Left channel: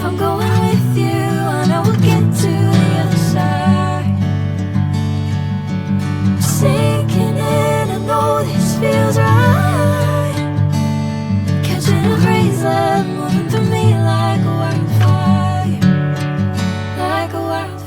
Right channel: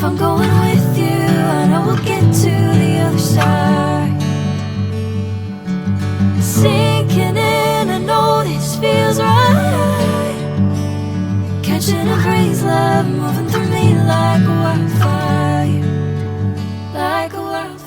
If I'm going with you, I know we'll get to the other side. Sinking in, I know this feels right. Catching a crazy love moving through me like a wildfire, like a wildfire.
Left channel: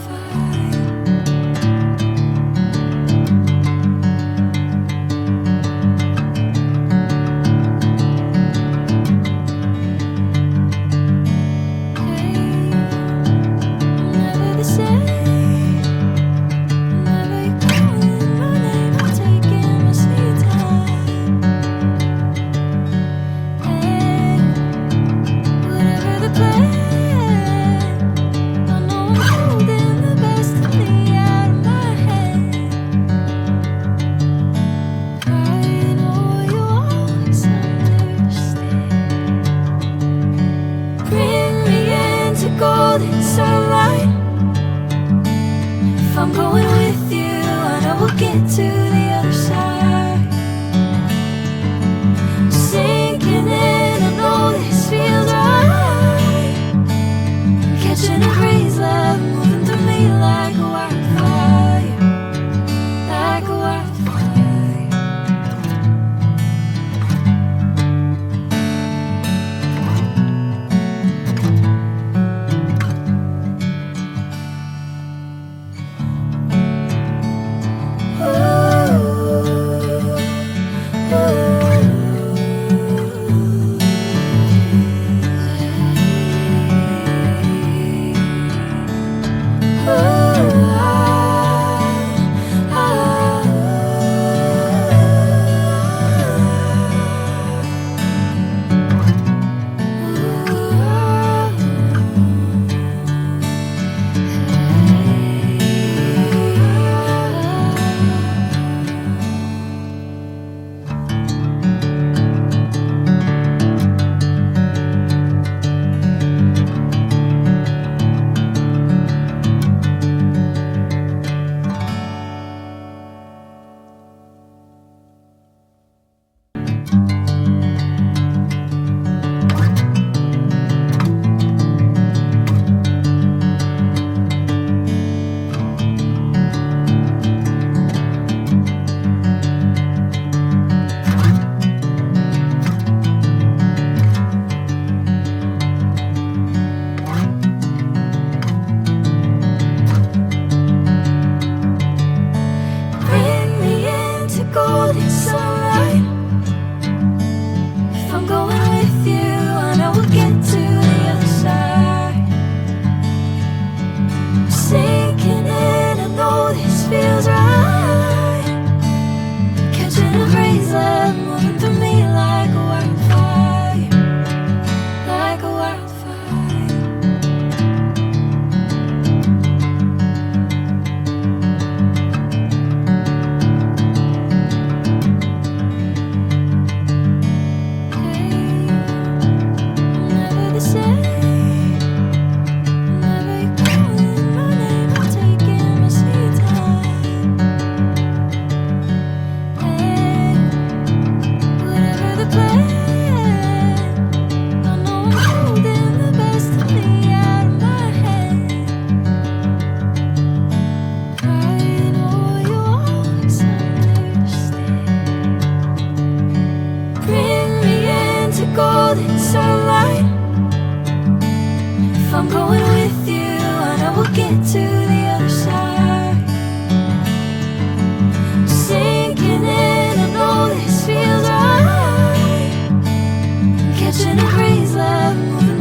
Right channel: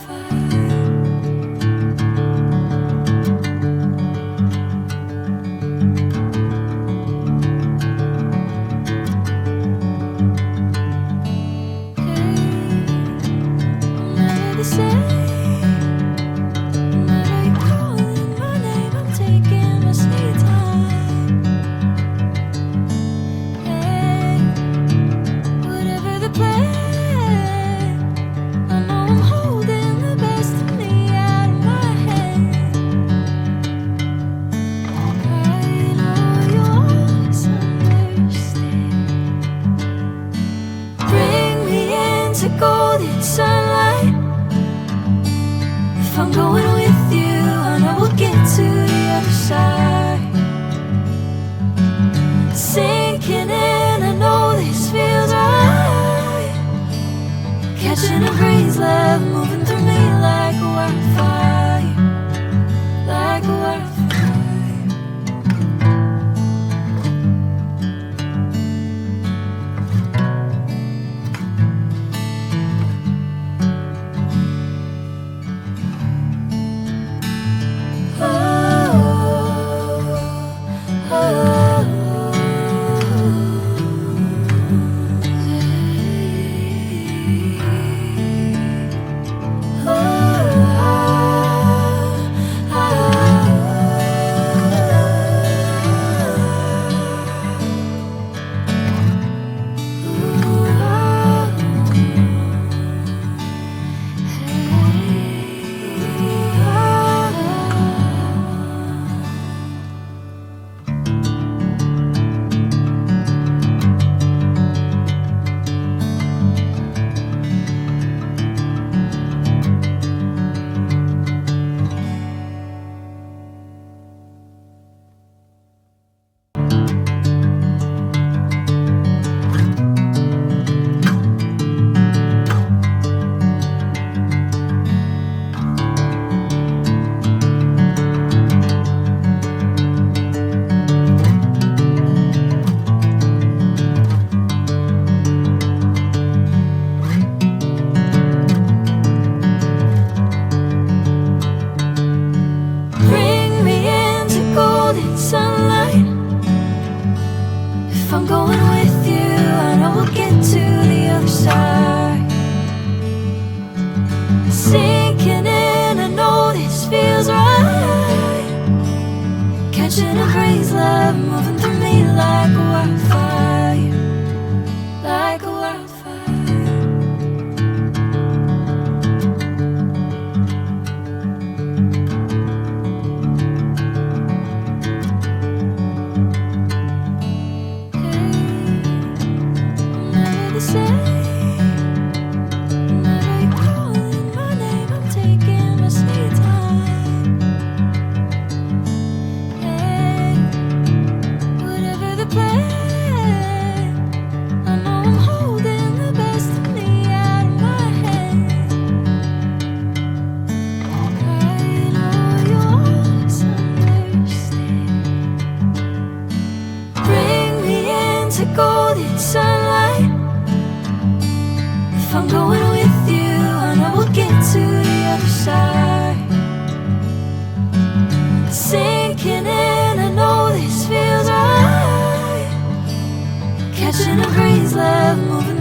Golden sunlight. If I'm going with you, I know we'll get to the other side. Sinking in, I know this feels right. Catching a crazy love moving through me like a wildfire, like a wildfire. Golden sunlight. If I'm going with you, I know we'll get to the other side. Sinking in, I know this feels right. Catching a crazy love moving through me like a wildfire, like a wildfire. Golden sunlight. If I'm going with you, I know we'll get to the other side. Sinking in, I know this feels right. Catching a crazy love moving